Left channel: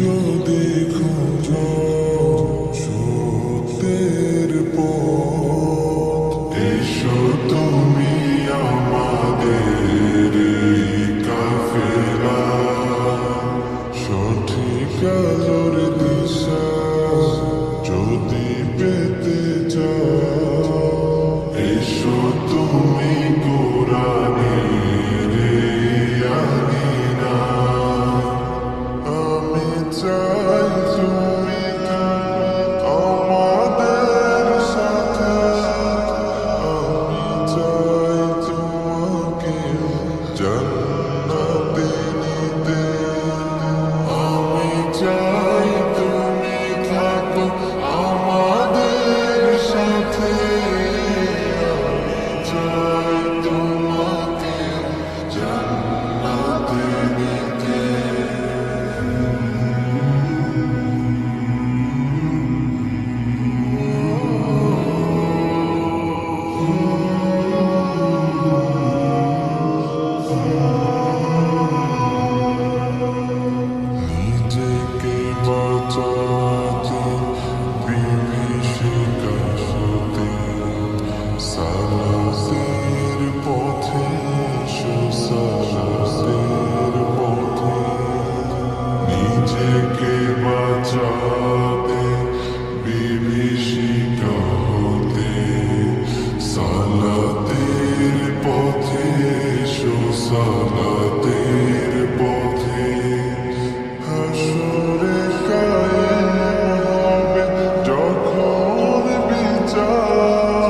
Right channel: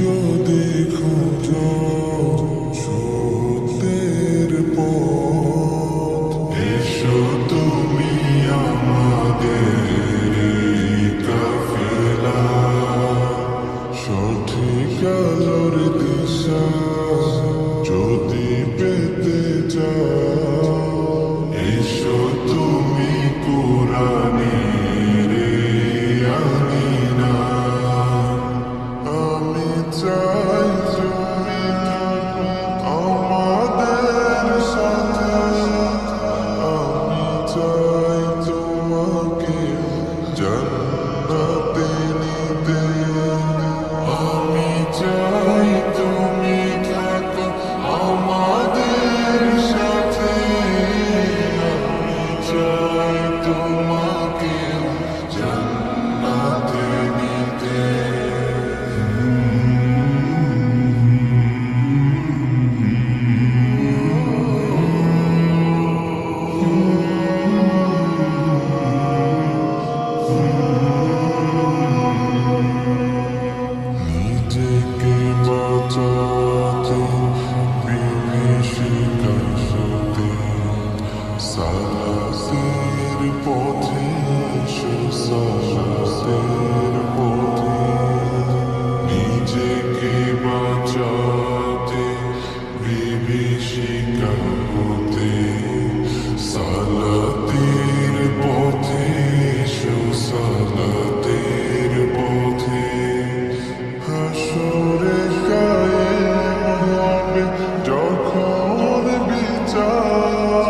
যদি খোঁজো সত্যের পথ, এসো তুমি আমাদের এই কাফেলা। সঠিক আলোর দিশা যদি পেতে চাও, এসো তুমি কোরআনের এই আঙিনা। আমি চাই তুমি থাকো আমাদের সাথে, আমি চাই তোমাকে জান্নাতে নিতে। আমি চাই তুমি থাকো আমাদের সাথে, আমি চাই তোমাকে জান্নাতে নিতে। নিজেকে বাঁচাতে বিভীষিকাশতে, সালাতের পথে এসো সালাতের পথে। নিজেকে বাঁচাতে বিভীষিকা হতে, সালাতের পথে এসো সালাতের পথে। হাসরে কায়েম হবে যখন বিচার,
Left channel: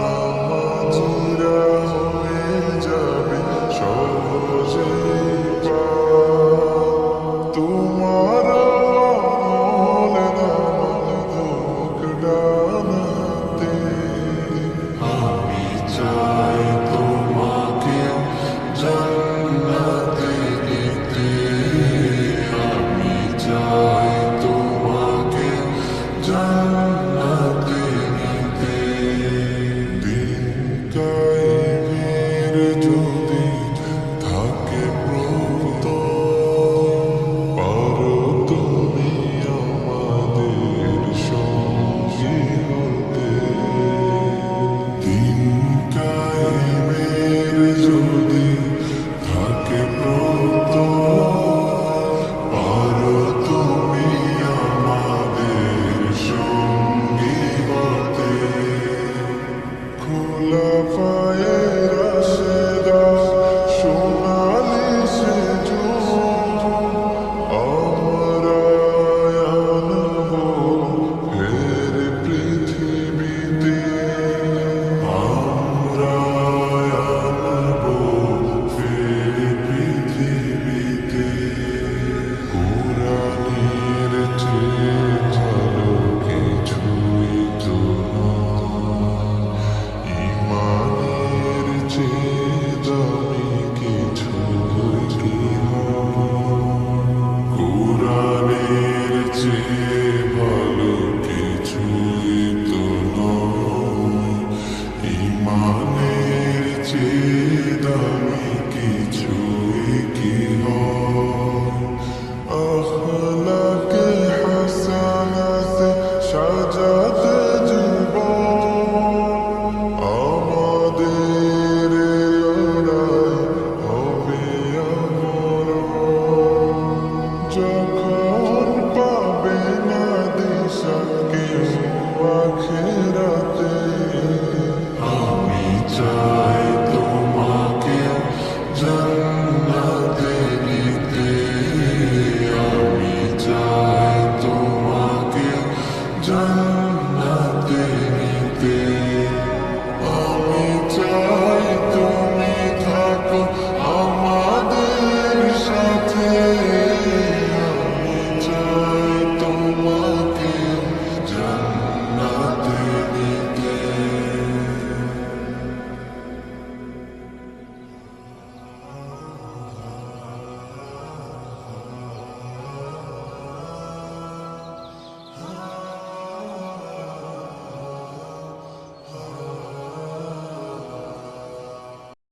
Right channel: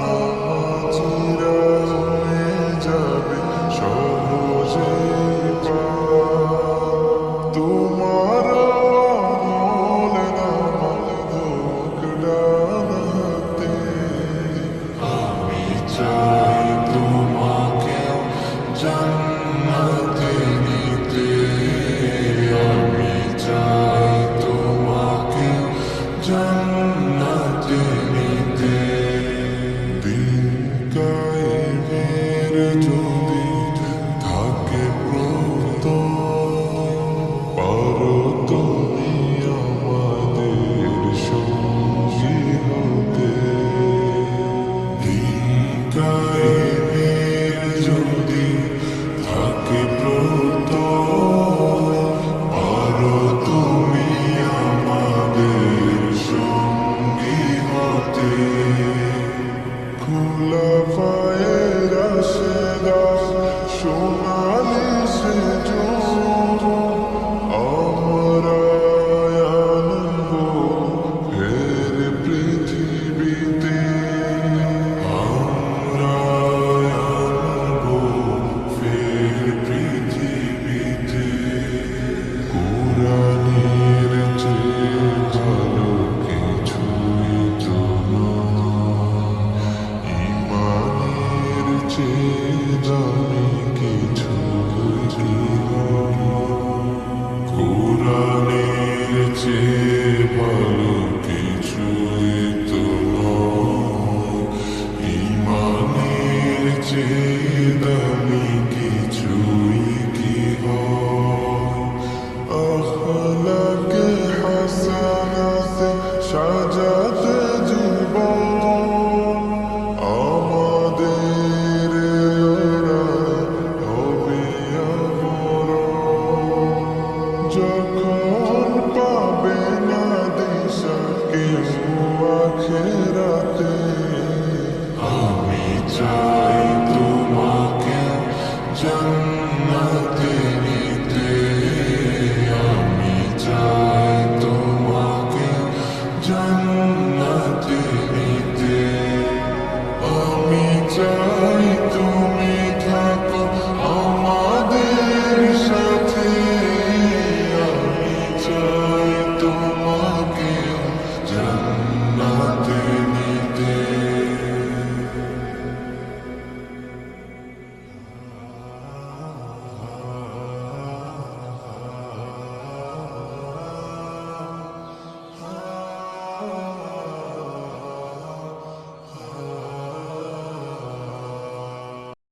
নামাজিরা হয়ে যাবে সহজেই পার। তোমার আমল নামা হোক ডান হাতে, আমি চাই তোমাকে জান্নাতে নিতে। আমি চাই তোমাকে জান্নাতে নিতে। দিন কায়েমের যদি থাকে প্রত্যয়, পারো তুমি আমাদের সঙ্গী হতে। দিন কায়েমের যদি থাকে প্রত্যয়, পারো তুমি আমাদের সঙ্গী হতে। খুলাফায়ে রাশেদার সোনালি সেজুর, আমরা আনব ফের পৃথিবীতে। আমরা আনব ফের পৃথিবীতে। কোরআনের চেয়ে ভালো কিছুই তো নয়, ঈমানের চেয়ে দামি কিছুই কি হয়। কোরআনের চেয়ে ভালো কিছুই তো নয়, ঈমানের চেয়ে দামি কিছুই কি হয়। আখলাকে হাসানাতে সাজাতে জীবন, আমাদের লড়াই হবে আমরণ। যখন পাবে না দিশা কেউ আখেরাতে, আমি চাই